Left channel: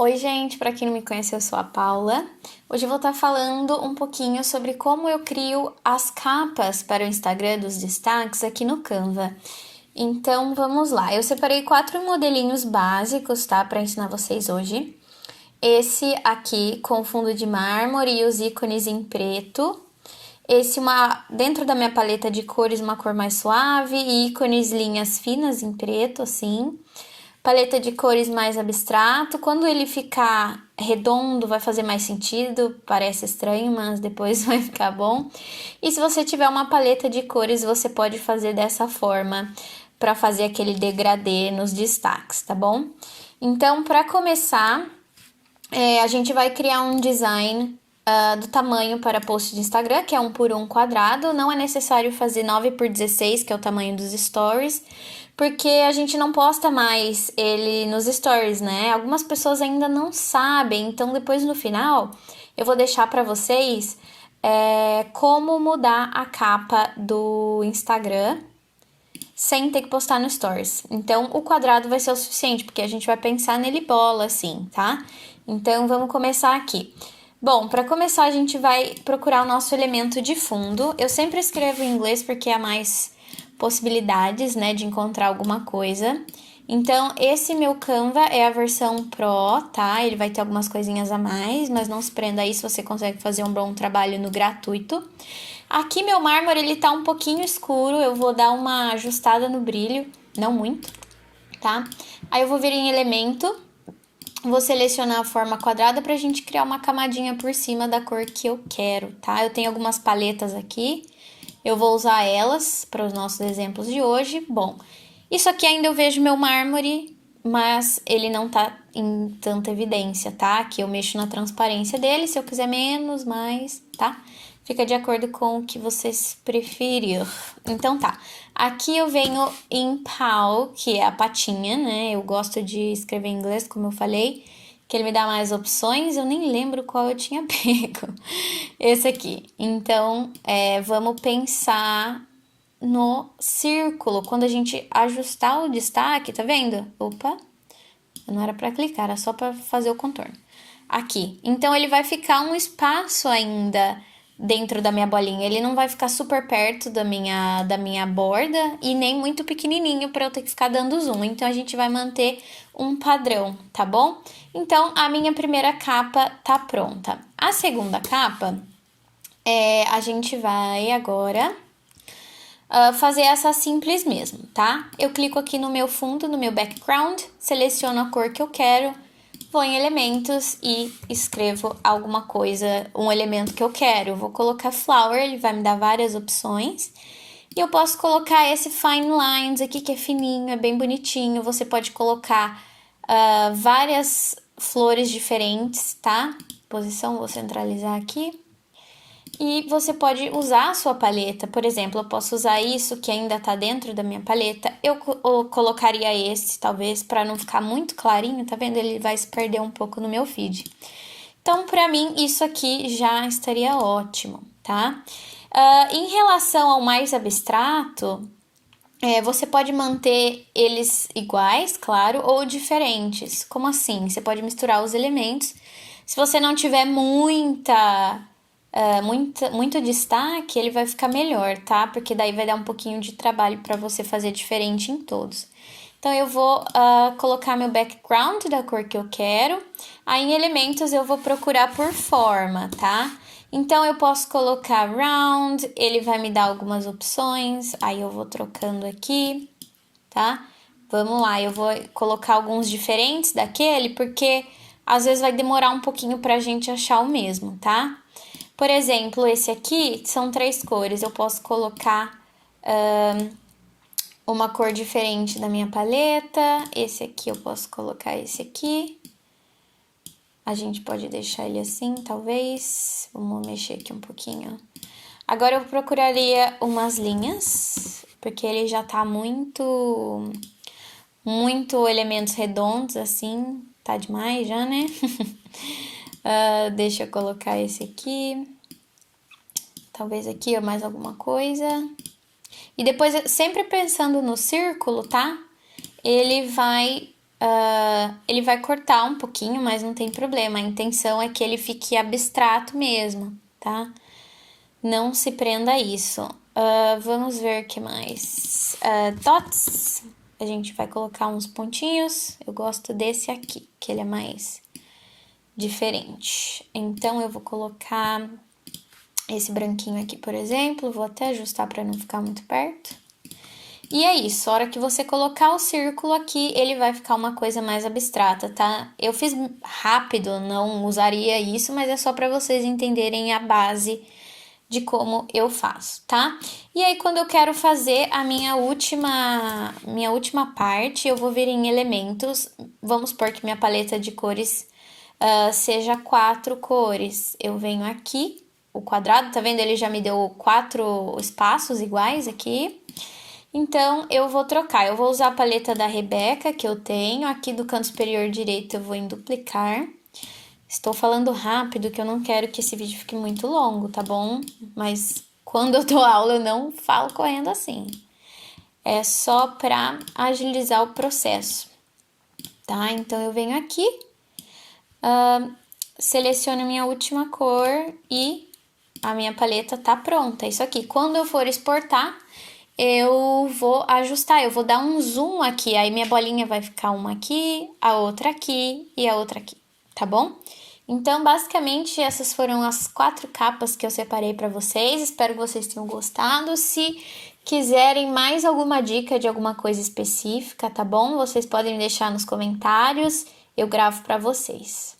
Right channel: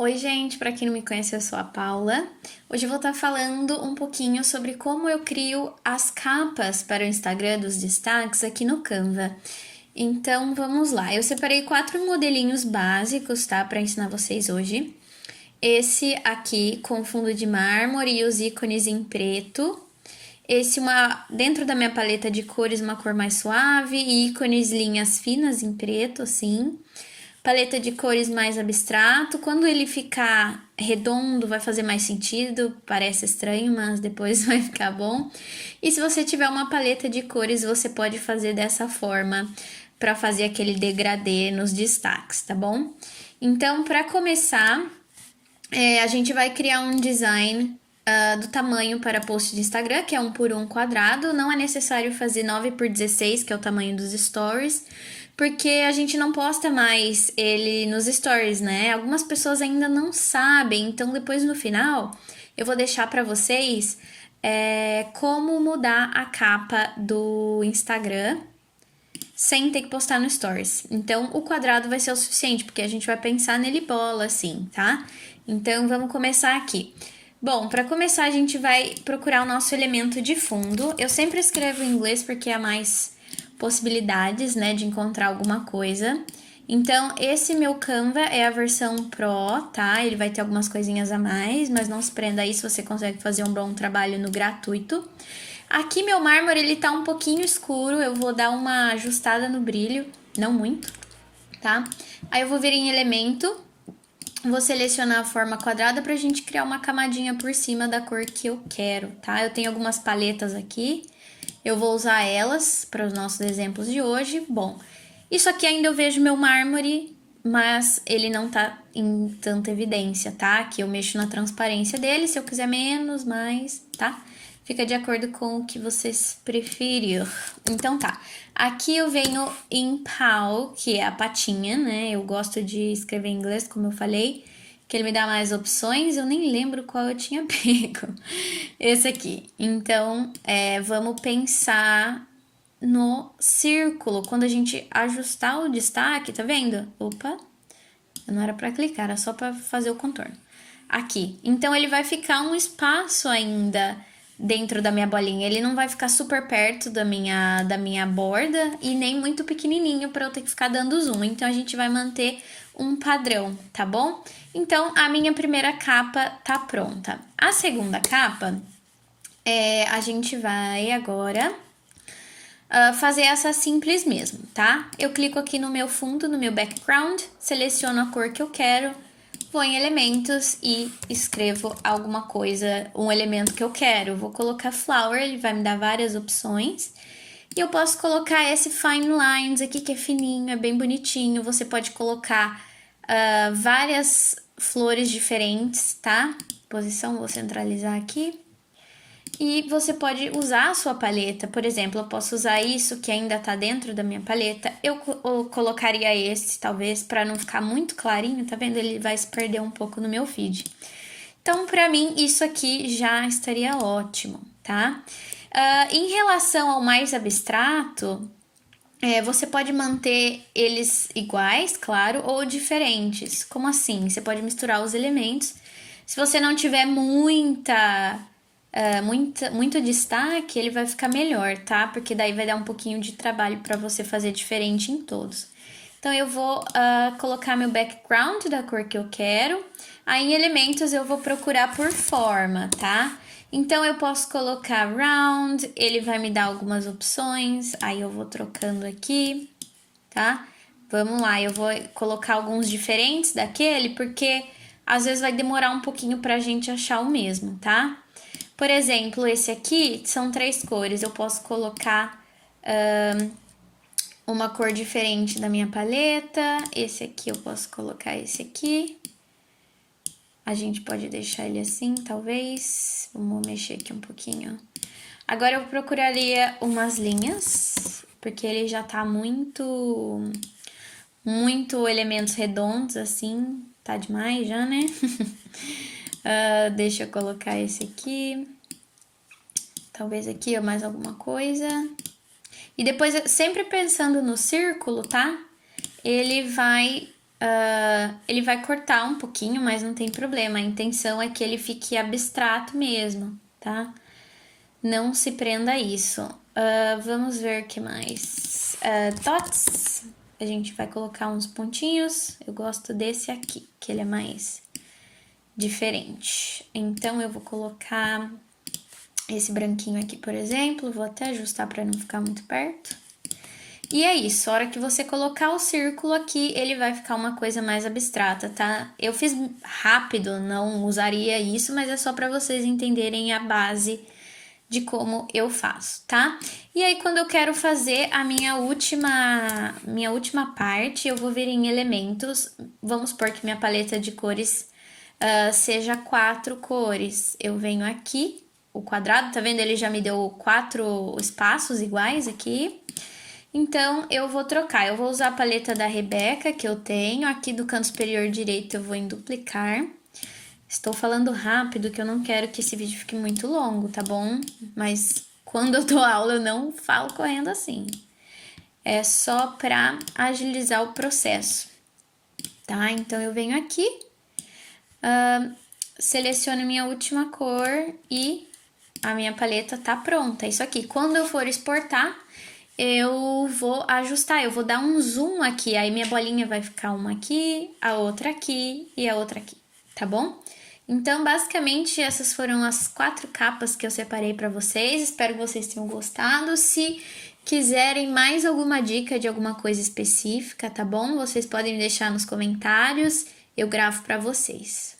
Oi, gente, para quem não me conhece, eu sou a Paula. Hoje eu vou estar falando um pouquinho sobre como eu crio as capas para o Instagram dos destaques aqui no Canva. Então, vamos lá. Eu separei 4 modelinhos básicos, tá, para ensinar vocês hoje. Esse aqui com fundo de mármore e os ícones em preto. Esse dentro da minha paleta de cores, uma cor mais suave e ícones linhas finas em preto, assim. Paleta de cores mais abstrato. Quando ele ficar redondo, vai fazer mais sentido. Parece estranho, mas depois vai ficar bom. E se você tiver uma paleta de cores, você pode fazer dessa forma para fazer aquele degradê nos destaques, tá bom? Então, para começar, a gente vai criar um design do tamanho para post de Instagram, que é 1 por 1 quadrado. Não é necessário fazer 9 por 16, que é o tamanho dos stories, porque a gente não posta mais ele nos stories, né? Algumas pessoas ainda não sabem, então depois no final eu vou deixar para vocês como mudar a capa do Instagram sem ter que postar no Stories. Então, o quadrado vai ser o suficiente, porque a gente vai pensar nele bola, assim, tá? Então, vamos começar aqui. Bom, para começar, a gente vai procurar o nosso elemento de fundo. Eu sempre escrevo em inglês porque há mais possibilidades, né, de encontrar alguma coisa. Então, esse meu Canva é a versão Pro, tá? Ele vai ter algumas coisinhas a mais, mas não se prenda aí se você consegue fazer um bom trabalho no gratuito. Aqui meu mármore, ele tá um pouquinho escuro, eu vou dar uma ajustada no brilho, não muito, tá? Aí eu vou vir em elemento, vou selecionar a forma quadrada pra gente criar uma camadinha por cima da cor que eu quero, tá? Eu tenho algumas paletas aqui, eu vou usar elas para os nossos exemplos de hoje. Bom, isso aqui ainda eu vejo meu mármore, mas ele não tá em tanta evidência, tá? Aqui eu mexo na transparência dele, se eu quiser menos, mais, tá? Fica de acordo com o que vocês preferirem. Então tá, aqui eu venho em paw, que é a patinha, né? Eu gosto de escrever em inglês, como eu falei, que ele me dá mais opções. Eu nem lembro qual eu tinha pego. Esse aqui. Então, vamos pensar no círculo. Quando a gente ajustar o destaque, tá vendo? Opa, não era pra clicar, era só pra fazer o contorno. Aqui. Então, ele vai ficar um espaço ainda dentro da minha bolinha. Ele não vai ficar super perto da minha borda e nem muito pequenininho para eu ter que ficar dando zoom. Então, a gente vai manter um padrão, tá bom? Então, a minha primeira capa tá pronta. A segunda capa, a gente vai agora fazer essa simples mesmo, tá? Eu clico aqui no meu fundo, no meu background, seleciono a cor que eu quero, vou em elementos e escrevo alguma coisa, um elemento que eu quero. Eu vou colocar flower, ele vai me dar várias opções. E eu posso colocar esse fine lines aqui, que é fininho, é bem bonitinho. Você pode colocar várias flores diferentes, tá? Posição, vou centralizar aqui. E você pode usar a sua paleta. Por exemplo, eu posso usar isso que ainda tá dentro da minha paleta. Eu colocaria esse, talvez, para não ficar muito clarinho, tá vendo? Ele vai se perder um pouco no meu feed. Então, para mim, isso aqui já estaria ótimo, tá? Em relação ao mais abstrato, você pode manter eles iguais, claro, ou diferentes. Como assim? Você pode misturar os elementos. Se você não tiver muito destaque, ele vai ficar melhor, tá? Porque daí vai dar um pouquinho de trabalho para você fazer diferente em todos. Então, eu vou colocar meu background da cor que eu quero. Aí, em elementos, eu vou procurar por forma, tá? Então, eu posso colocar round, ele vai me dar algumas opções. Aí, eu vou trocando aqui, tá? Vamos lá, eu vou colocar alguns diferentes daquele, porque às vezes vai demorar um pouquinho pra gente achar o mesmo, tá? Por exemplo, esse aqui são 3 cores. Eu posso colocar uma cor diferente da minha paleta. Esse aqui eu posso colocar esse aqui. A gente pode deixar ele assim, talvez. Vamos mexer aqui um pouquinho. Agora eu procuraria umas linhas, porque ele já tá muito elementos redondos, assim. Tá demais já, né? Deixa eu colocar esse aqui. Talvez aqui ou mais alguma coisa. E depois, sempre pensando no círculo, tá? Ele vai ele vai cortar um pouquinho, mas não tem problema. A intenção é que ele fique abstrato mesmo, tá? Não se prenda a isso. Vamos ver o que mais. Dots. A gente vai colocar uns pontinhos. Eu gosto desse aqui, que ele é mais diferente. Então, eu vou colocar esse branquinho aqui, por exemplo. Vou até ajustar para não ficar muito perto. E é isso, a hora que você colocar o círculo aqui, ele vai ficar uma coisa mais abstrata, tá? Eu fiz rápido, não usaria isso, mas é só para vocês entenderem a base de como eu faço, tá? E aí, quando eu quero fazer a minha última parte, eu vou vir em elementos. Vamos supor que minha paleta de cores seja 4 cores. Eu venho aqui, o quadrado, tá vendo? Ele já me deu 4 espaços iguais aqui. Então, eu vou trocar. Eu vou usar a paleta da Rebeca, que eu tenho. Aqui do canto superior direito, eu vou em duplicar. Estou falando rápido, que eu não quero que esse vídeo fique muito longo, tá bom? Mas quando eu dou aula, eu não falo correndo assim. É só pra agilizar o processo, tá? Então, eu venho aqui, seleciono a minha última cor e a minha paleta tá pronta. Isso aqui, quando eu for exportar, eu vou ajustar, eu vou dar um zoom aqui, aí minha bolinha vai ficar uma aqui, a outra aqui e a outra aqui, tá bom? Então, basicamente, essas foram as 4 capas que eu separei para vocês, espero que vocês tenham gostado. Se quiserem mais alguma dica de alguma coisa específica, tá bom? Vocês podem deixar nos comentários, eu gravo para vocês.